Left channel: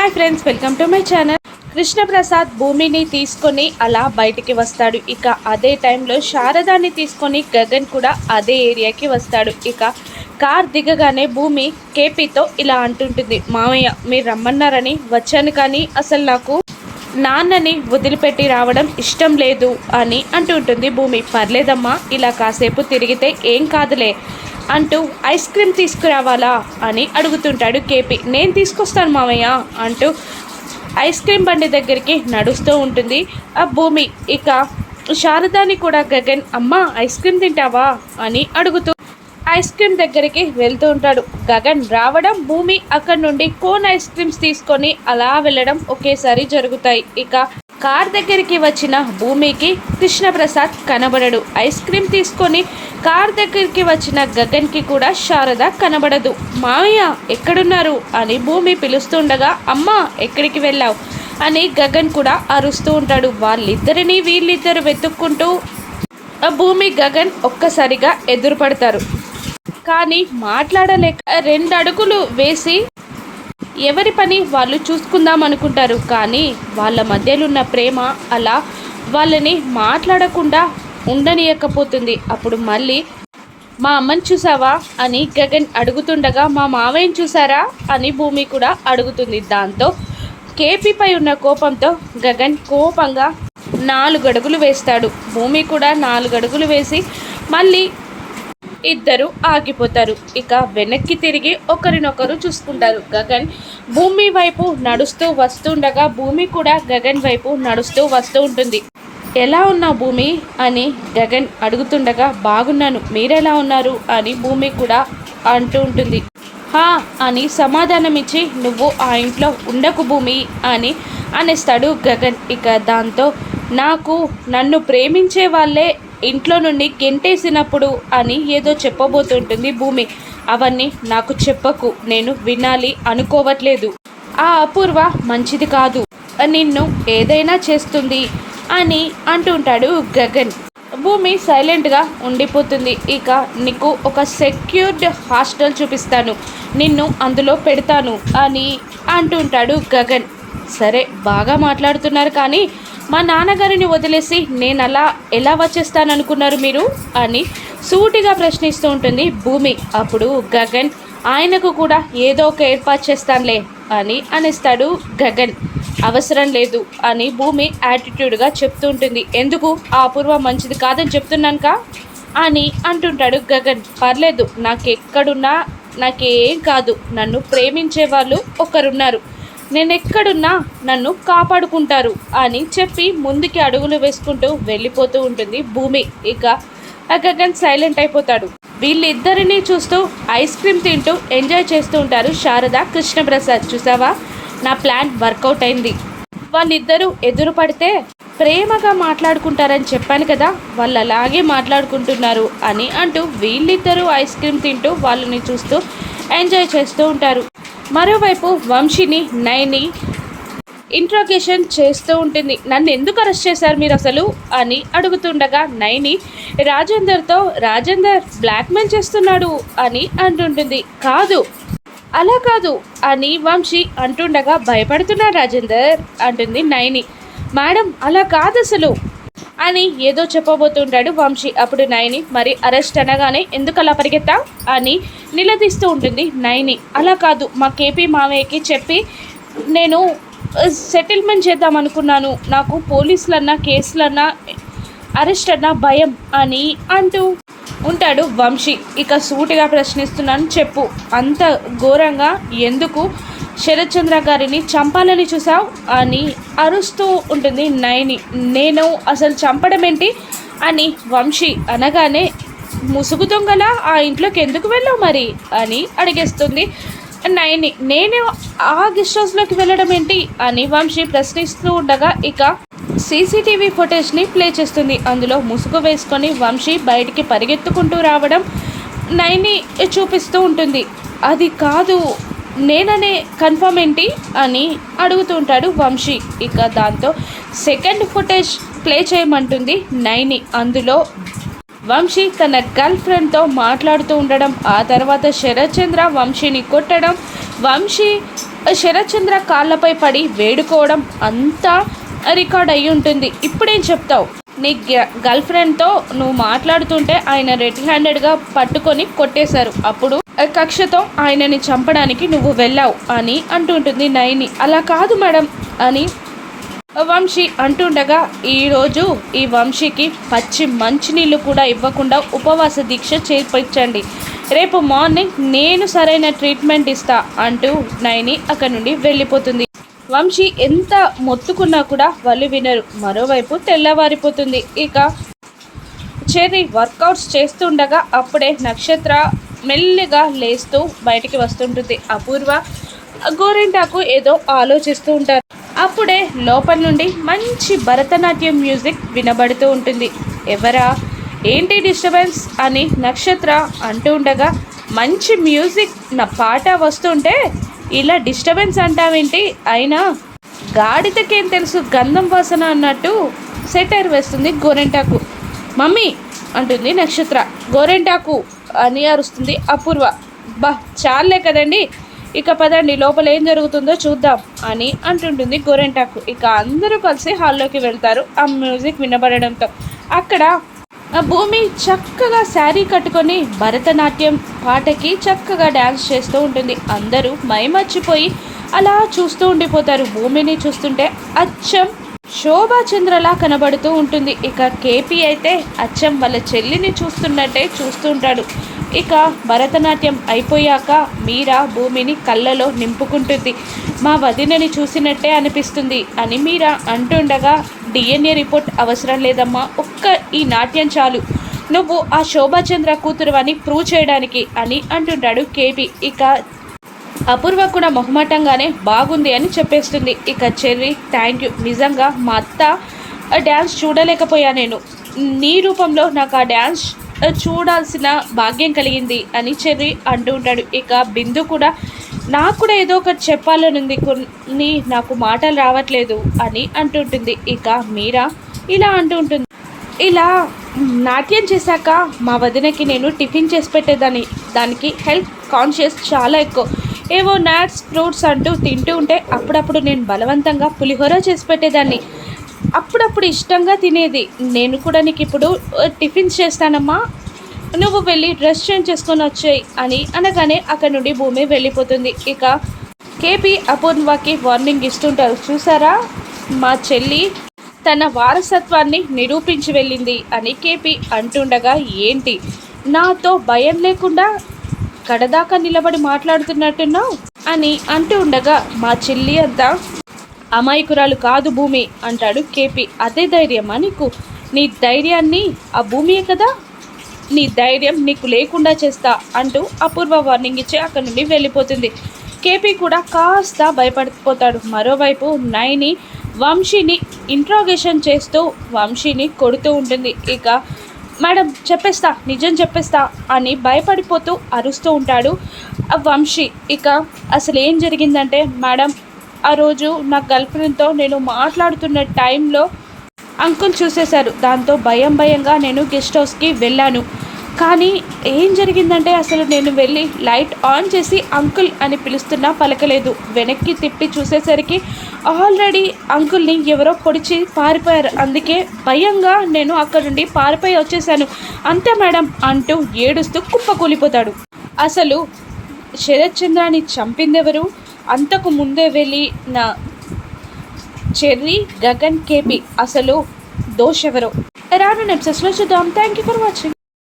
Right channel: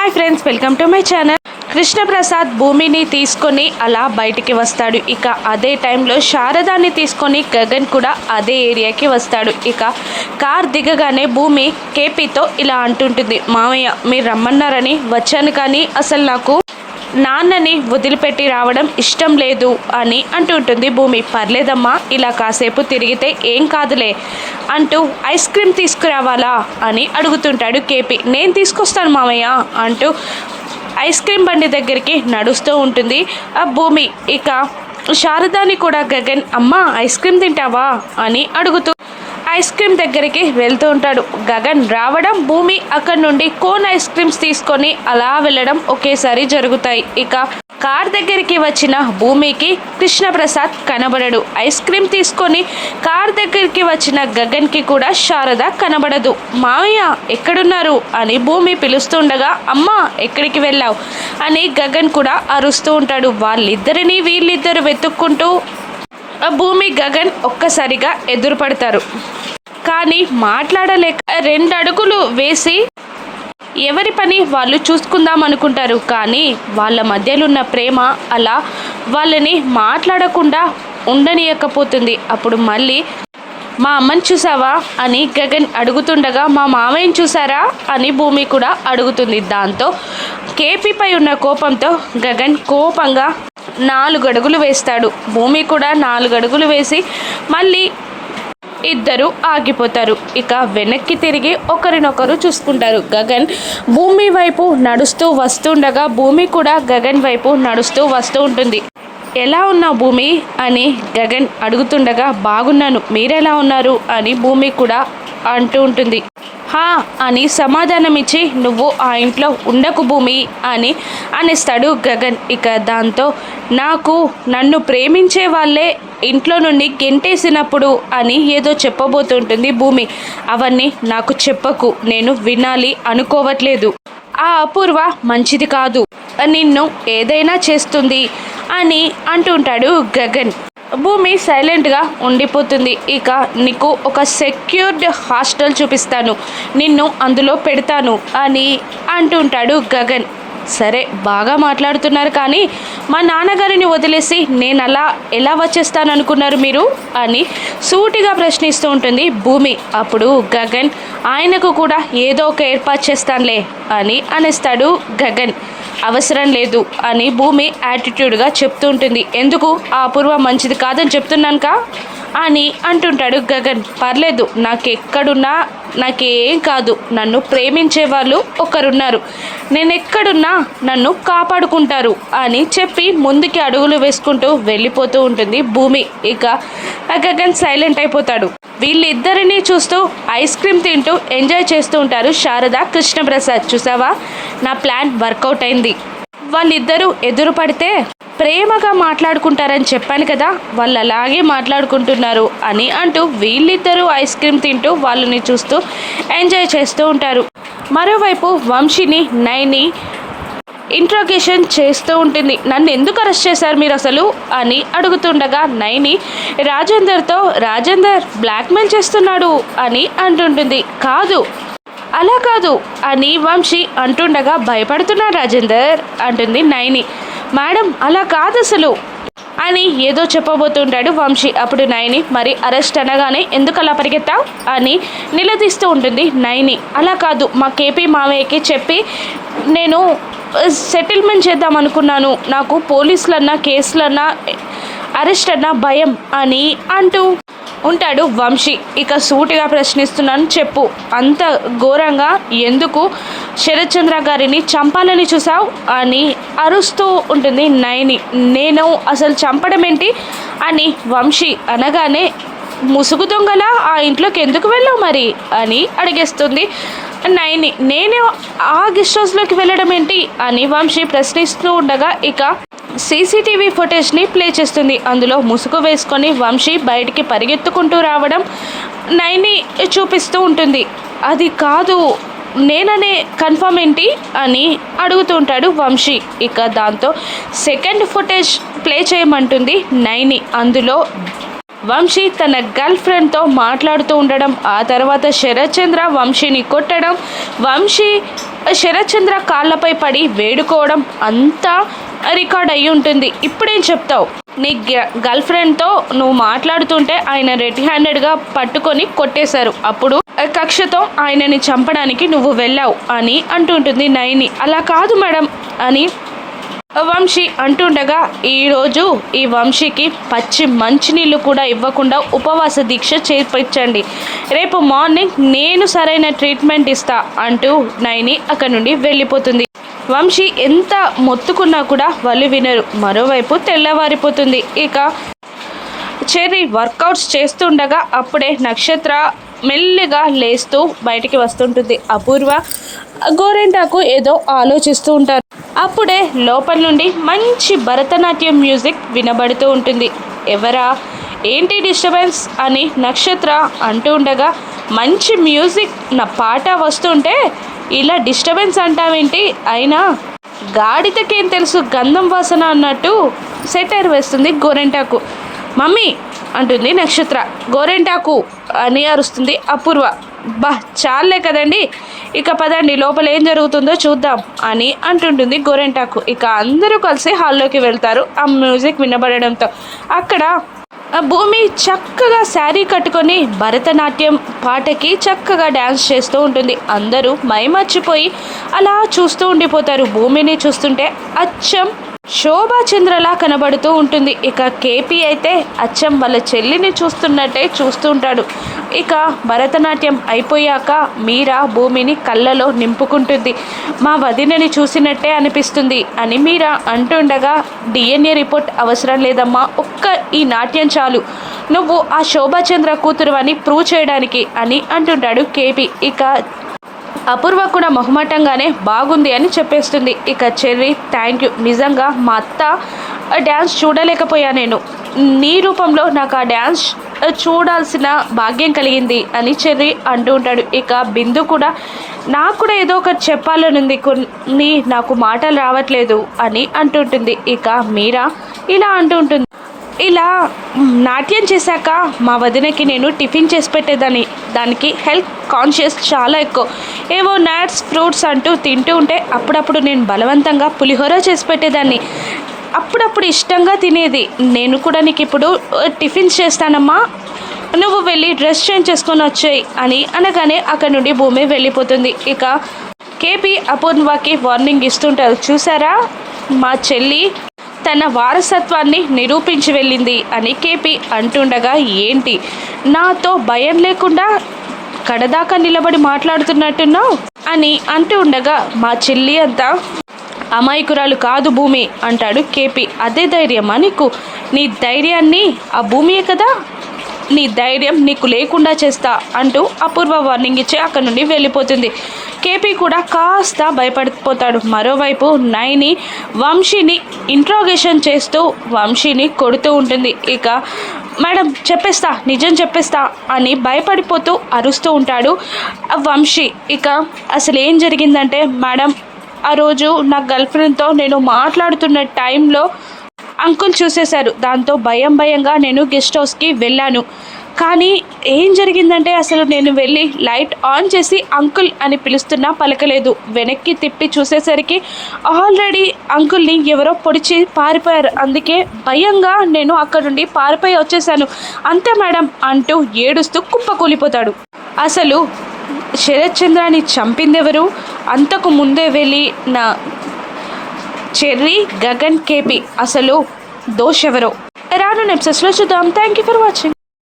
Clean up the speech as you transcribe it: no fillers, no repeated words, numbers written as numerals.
Hi friends, welcome to my channel. Krishnaprasad భూమిని తీసుకొని అలా బయటికి వస్తాడు. ఇక అదే టైంలో శారదాన్ని తీసుకొని గగన్ కూడా అదే ఏరియాకి వస్తాడు. ఇక కార్ దిగగానే భూమి కేపీతో ఇలా అంటుంటుంది, మామయ్య మీరు రమ్మన్నారని వచ్చాను, కానీ అసలు నాకు నాన్నని వదిలిపెట్టి రావడం ఇష్టం లేదు అని అంటుంటుంది భూమి. పర్లేదమ్మా, ఇలా కాసేపు తిరిగితే ఏం కాదులే అంటూ ఐస్ క్రీమ్ తీసుకురావాలా అని అడుగుతుంటాడు కేపీ. నేను తీసుకొస్తాను మామయ్య అంటూ ఐస్ క్రీమ్ బండి దగ్గరికి నడుస్తూ ఉంటుంది ఆ భూమి. ఇక శారదాని కూడా గగన్, అమ్మ ఐస్ క్రీమ్ తింటావా అని అడుగుతూ ఐస్ క్రీమ్ దగ్గరికి వెళ్తూ ఉంటాడు. గగన్ రావడం, భూమి అక్కడి నుండి కోన్ ఐస్ క్రీమ్స్ తీసుకొని అలా వెళ్ళడం ఒకేసారి జరుగుతాయి. ఇక కార్ దగ్గరికి వచ్చిన భూమికి కృష్ణప్రసాద్ కనబడడు. ఐస్ క్రీమ్ తీసుకొని కార్ దగ్గరికి వచ్చిన గగన్కి కూడా శారద కనబడదు. మామయ్య ఎక్కడున్నారు అని భూమి పిలుస్తుండగా, అమ్మా ఎక్కడికి వెళ్ళావు అని గగన్ కూడా అరుస్తూ ఉంటాడు. వాళ్ళిద్దరిని వీళ్ళిద్దరు వెతుక్కుంటూ భూమి గగన్ ఒక్కసారిగా ఎదురుపడతారు. కానీ మాట్లాడలేక 2 అడుగులు వేసి ఎవరి పని వాళ్ళు చూసుకుందాం అనుకుంటారు. కానీ వాళ్ళ మధ్యలో ఉన్న ప్రేమ అలా వాళ్ళని మాట్లాడకుండా ఉండనీయకపోతుంది. అప్పుడు మళ్ళీ మా అమ్మని చూసావా అని గగన్ అడుగుతుండగా, మా మామయ్యని చూసారా అని భూమి కూడా అడుగుతుంది. దాంతో కేపీపై ఉన్న కోపంతో గగన్ కోపంగా 4 అడుగులు వేస్తాడు. భూమి కూడా 4 అడుగులు వేసి మళ్ళీ ఇద్దరు ఆగిపోతారు. ఇక వెనక్కి తిరిగి ఒకరినొకరు చూసుకుంటారు. గగన్ భూమి వైపు నడుస్తూ వస్తుండగా భూమి కూడా గగన్ వైపు నడుస్తూ వస్తూ ఉంటుంది. ఎలా ఉన్నావు భూమి అని గగన్ అడుగుతుండగా, బాగున్నాను, మీరెలా ఉన్నారు అని భూమి కూడా అంటూ ఉంటుంది. హా అని సమాధానం ఇచ్చి, నువ్వు ఆ ఇంట్లో ఉండకు భూమి అని అనేస్తాడు గగన్. ఇక దాంతో నన్ను ప్రేమించే వాళ్ళే ఇంట్లో నుండి గెంటేసినప్పుడు అని ఏదో చెప్పబోతుంటుంది భూమి. అవన్నీ నాకు చెప్పకు, నేను వినాలి అనుకోవట్లేదు. ఆ అపూర్వ మంచిది కాదు, నిన్ను ఏదైనా చేస్తుంది అని అంటుంటాడు గగన్. భూమి సైలెంట్గా ఉండిపోతుంది. ఇక నీకు ఒక సెక్యూర్డ్ హాస్టల్ చూపిస్తాను, నిన్ను అందులో పెడతాను అని అంటుంటాడు గగన్. సరే బాగా మాట్లాడుతున్నారు, కానీ మా నాన్నగారిని వదిలేసి నేను అలా ఎలా వచ్చేస్తాను అనుకున్నారు మీరు అని సూటిగా ప్రశ్నిస్తూ ఉంటుంది భూమి. అప్పుడు గగన్, ఆయనకు కూడా ఏదో ఒక ఏర్పాటు చేస్తానులే అని అనేస్తాడు గగన్. అవసరం లేదు అని భూమి యాటిట్యూడ్గా చెప్తూ ఉంటుంది. ఎందుకు, ఆ అపూర్వ మంచిది కాదని చెప్తున్నానుకా అని అంటుంటాడు గగన్. పర్లేదు, నాకెక్కడున్నా నాకేం కాదు, నన్ను ప్రేమించే వాళ్ళు ఒకరున్నారు, నేను ఎక్కడున్నా నన్ను కాపాడుకుంటారు అని చెప్పి ముందుకి అడుగులు వేసుకుంటూ వెళ్ళిపోతూ ఉంటుంది భూమి. ఇక గగన్ సైలెంట్ అయిపోతాడు. వీళ్ళిద్దరినీ చూస్తూ ఐస్ క్రీమ్ తింటూ ఎంజాయ్ చేస్తూ ఉంటారు శారద, కృష్ణప్రసాద్. చూసావా, నా ప్లాన్ వర్కౌట్ అయింది. వాళ్ళిద్దరూ ఎదురు పడితే ప్రేమగా మాట్లాడుకుంటారని చెప్పాను కదా, వాళ్ళు అలాగే మాట్లాడుకుంటున్నారు అని అంటూ వీళ్ళిద్దరూ ఐస్ క్రీమ్ తింటూ వాళ్ళని చూస్తూ ఎంజాయ్ చేస్తూ ఉంటారు. మరోవైపు వంశీని నైని ఇంట్రోగేషన్ చేస్తూ ఉంటుంది. నన్ను ఎందుకు అరెస్ట్ చేశారు మీరు అసలు అని అడుగుతుండగా నైని రాజేందర్ బ్లాక్మెయిల్ చేస్తున్నాడు అని అంటుంటుంది. కాదు, అలా కాదు అని వంశీ అంటుండగా, భయపడుతున్నా రాజేందర్ అంటుంది నైని. మేడం అలా కాదు అసలు అని ఏదో చెప్పబోతుంటాడు వంశీ. అప్పుడు నైని, మరి అరెస్ట్ అనగానే ఎందుకు అలా పరిగెత్తావు అని నిలదీస్తూ ఉంటుంది నైని. అలా కాదు, మా కేపీ మామయ్యకి చెప్పి నేను సెటిల్మెంట్ చేద్దాం అనుకున్నాను, నాకు పోలీసులన్నా కేసులన్నా అరెస్ట్ అన్నా భయం అని అంటూ ఉంటాడు వంశీ. ఇక సూటిగా ప్రశ్నిస్తున్నాను, చెప్పు, అంత ఘోరంగా ఎందుకు శరత్చంద్ర గారిని చంపాలని చూసావు అని అరుస్తూ ఉంటుంది నైని. నేను అసలు చంపడం ఏంటి అని వంశీ అనగానే, ముసుగు దొంగలా ఆ ఇంట్లోకి ఎందుకు వెళ్ళావు మరి అని అడిగేస్తుంది నైని. నేను ఆ గెస్ట్ హౌస్లోకి వెళ్ళడం ఏంటి అని వంశీ ప్రశ్నిస్తూ ఉండగా ఇక సీసీటీవీ ఫుటేజ్ని ప్లే చేస్తుంది. అందులో ముసుగు వేసుకొని వంశీ బయటికి పరిగెత్తుకుంటూ రావడం నైని చూపిస్తూ ఉంటుంది. అది కాదు, నేననే కన్ఫర్మ్ ఏంటి అని అడుగుతూ ఉంటాడు వంశీ. ఇక దాంతో సెకండ్ ఫుటేజ్ ప్లే చేయమంటుంది నైని. అందులో వంశీ తన గర్ల్ ఫ్రెండ్తో మాట్లాడుతూ ఉండడం, ఆ తర్వాత శరత్చంద్ర వంశీని కొట్టడం, వంశీ శరత్ చంద్ర కాళ్ళపై పడి వేడుకోవడం అంతా రికార్డ్ అయ్యి ఉంటుంది. ఇప్పుడేం చెప్తావు? నీ గర్ల్ ఫ్రెండ్తో నువ్వు మాట్లాడుతుంటే ఆయన రెడ్ హ్యాండెడ్గా పట్టుకొని కొట్టేశారు. అప్పుడు కక్షతో ఆయనని చంపడానికి నువ్వు వెళ్ళావు అని అంటుంటుంది నయని. అలా కాదు మేడం అని వంశీ అంటుండగా, ఈరోజు ఈ వంశీకి పచ్చి మంచినీళ్ళు కూడా ఇవ్వకుండా ఉపవాస దీక్ష చేర్పించండి. రేపు మార్నింగ్ నేను సరైన ట్రీట్మెంట్ ఇస్తా అంటూ నయని అక్కడి నుండి వెళ్ళిపోతుంది. వంశీ ఎంత మొత్తుకున్నా కూడా వాళ్ళు వినరు. మరోవైపు తెల్లవారిపోతుంది. ఇక చెర్రీ వర్కౌట్స్ చేస్తుండగా అప్పుడే నక్షత్ర మెల్లిగా లేస్తూ బయటికి వస్తుంటుంది. అపూర్వ గోరింటాకు ఏదో ఆలోచిస్తూ ఉంటారు. అప్పుడే లోపల నుండి మంచి భరతనాట్యం మ్యూజిక్ వినబడుతూ ఉంటుంది. ఎవరా, ఏంటి డిస్టర్బెన్స్ అని నక్షత్ర అంటూ ఉండగా, మంచి మ్యూజిక్ నా పాట వస్తుంటే ఇలా డిస్టర్బెన్స్ అంటావేంటి? అయినా గాడిదకేం తెలుసు గంధం వాసన అన్నట్టు సెటైర్ వేస్తుంది గోరెంటాకు. మమ్మీ అంటుంది నక్షత్ర. గోరెంటాకు అని అరుస్తుంది అపూర్వ. బా చాలే కదండి, ఇక పదండి లోపల ఏం జరుగుతుందో చూద్దాం అని అంటుంటుంది గోరెంటాకు. ఇక అందరూ కలిసి హాల్లోకి వెళ్తారు. ఆ మ్యూజిక్ వినబడడంతో అక్కడ భూమి చక్కగా శారీ కట్టుకొని భరతనాట్యం పాటకి చక్కగా డ్యాన్స్ చేస్తూ ఉంటుంది. అందరూ మైమర్చిపోయి అలా చూస్తూ ఉండిపోతారు. భూమిని చూస్తుంటే అచ్చం శోభాచంద్రలా కనబడుతూ ఉంటుంది. ఇక కేపీ అయితే అచ్చం వాళ్ళ చెల్లిని చూస్తున్నట్టే చూస్తూ ఉంటాడు. ఇక భరతనాట్యం అయిపోయాక మీరా భూమిని కళ్ళలో నింపుకుంటుంది. మా వదినని చూసినట్టే అనిపిస్తుంది అని మీరా అంటుండగా, DNA రిపోర్ట్ అవసరం లేదమ్మా, ఒక్క ఈ నాట్యం చాలు, నువ్వు ఆ శోభాచంద్ర కూతురు అని ప్రూవ్ చేయడానికి అని అంటుంటాడు కేపీ. ఇక అపూర్వ కూడా మొహమాటంగానే బాగుంది అని చెప్పేస్తుంది. ఇక చెర్రీ థ్యాంక్ యూ, నిజంగా మా అత్త డ్యాన్స్ చూడలేకపోయా, నేను నీ రూపంలో నాకు ఆ డ్యాన్స్ చూడాల్సిన భాగ్యం కలిగింది అని చెర్రీ అంటూ ఉంటాడు. ఇక బిందు కూడా నాకు కూడా ఏదో ఒకటి చెప్పాలనుంది, కొన్ని నాకు మాటలు రావట్లేదు అని అంటుంటుంది. ఇక మీరా ఇలా అంటూ ఉంటుంది, ఇలా నాట్యం చేశాక మా వదినకి నేను టిఫిన్ చేసి పెట్టేదాన్ని, దానికి హెల్త్ కాన్షియస్ చాలా ఎక్కువ, ఏవో నట్స్ ఫ్రూట్స్ అంటూ తింటూ ఉంటే అప్పుడప్పుడు నేను బలవంతంగా పులిహోర చేసి పెట్టేదాన్ని, అప్పుడప్పుడు ఇష్టంగా తినేది. నేను కూడా నీకు ఇప్పుడు టిఫిన్స్ చేస్తానమ్మా, నువ్వు వెళ్ళి డ్రెస్ చేంజ్ చేసుకొని వచ్చేయి అని అనగానే అక్కడ నుండి భూమి వెళ్ళిపోతుంది. ఇక కేపీ అపూర్వకి వార్నింగ్ ఇస్తుంటారు. చూసారా, మా చెల్లి తన వారసత్వాన్ని నిరూపించి వెళ్ళింది అని కేపీ అంటుండగా, ఏంటి నాతో భయం లేకుండా కడదాకా నిలబడి మాట్లాడుతున్నట్టున్నావు అని అంటూ ఉండగా, మా చెల్లి అంతా అమాయకురాలు కాదు భూమి అంటాడు కేపీ. అదే ధైర్యమా నీకు? నీ ధైర్యాన్ని ఆ భూమియే కదా, నీ ధైర్యం నీకు లేకుండా చేస్తా అంటూ అపూర్వ వార్నింగ్ ఇచ్చి అక్కడ నుండి వెళ్ళిపోతుంది. కేపీ కూడా కాస్త భయపడిపోతాడు. మరోవైపు నయని వంశీని ఇంట్రాగేషన్ చేస్తూ వంశీని కొడుతూ ఉంటుంది. ఇక మేడం చెప్పేస్తా, నిజం చెప్పేస్తా అని భయపడిపోతూ అరుస్తూ ఉంటాడు వంశీ. ఇక అసలు ఏం జరిగిందంటే, మేడం ఆ రోజు నా గర్ల్ ఫ్రెండ్తో నేను మాట్లాడుతున్న టైంలో అంకుల్ చూసేశారు, దాంతో భయంగా నేను గెస్ట్ హౌస్కి వెళ్ళాను. కానీ ఏం జరిగిందంటే, అసలు నేను వెళ్ళి లైట్ ఆన్ చేసి అంకుల్ అని పిలుస్తున్నా పలకలేదు. వెనక్కి తిప్పి చూసేసరికి ఆల్రెడీ అంకుల్ని ఎవరో పొడిచి పారిపోయారు. అందుకే భయంగా నేను అక్కడ నుండి పారిపోయి వచ్చేసాను అంతే మేడం అంటూ ఏడుస్తూ కుప్పకూలిపోతాడు. అసలు శరత్ చంద్రాని చంపిందెవరు? అంతకు ముందే వెళ్ళి నా చెర్రీ, గగన్, కేపీ అసలు దోషెవరో రాను ఎపిసోడ్స్లో చూద్దాం. Thank you for watching.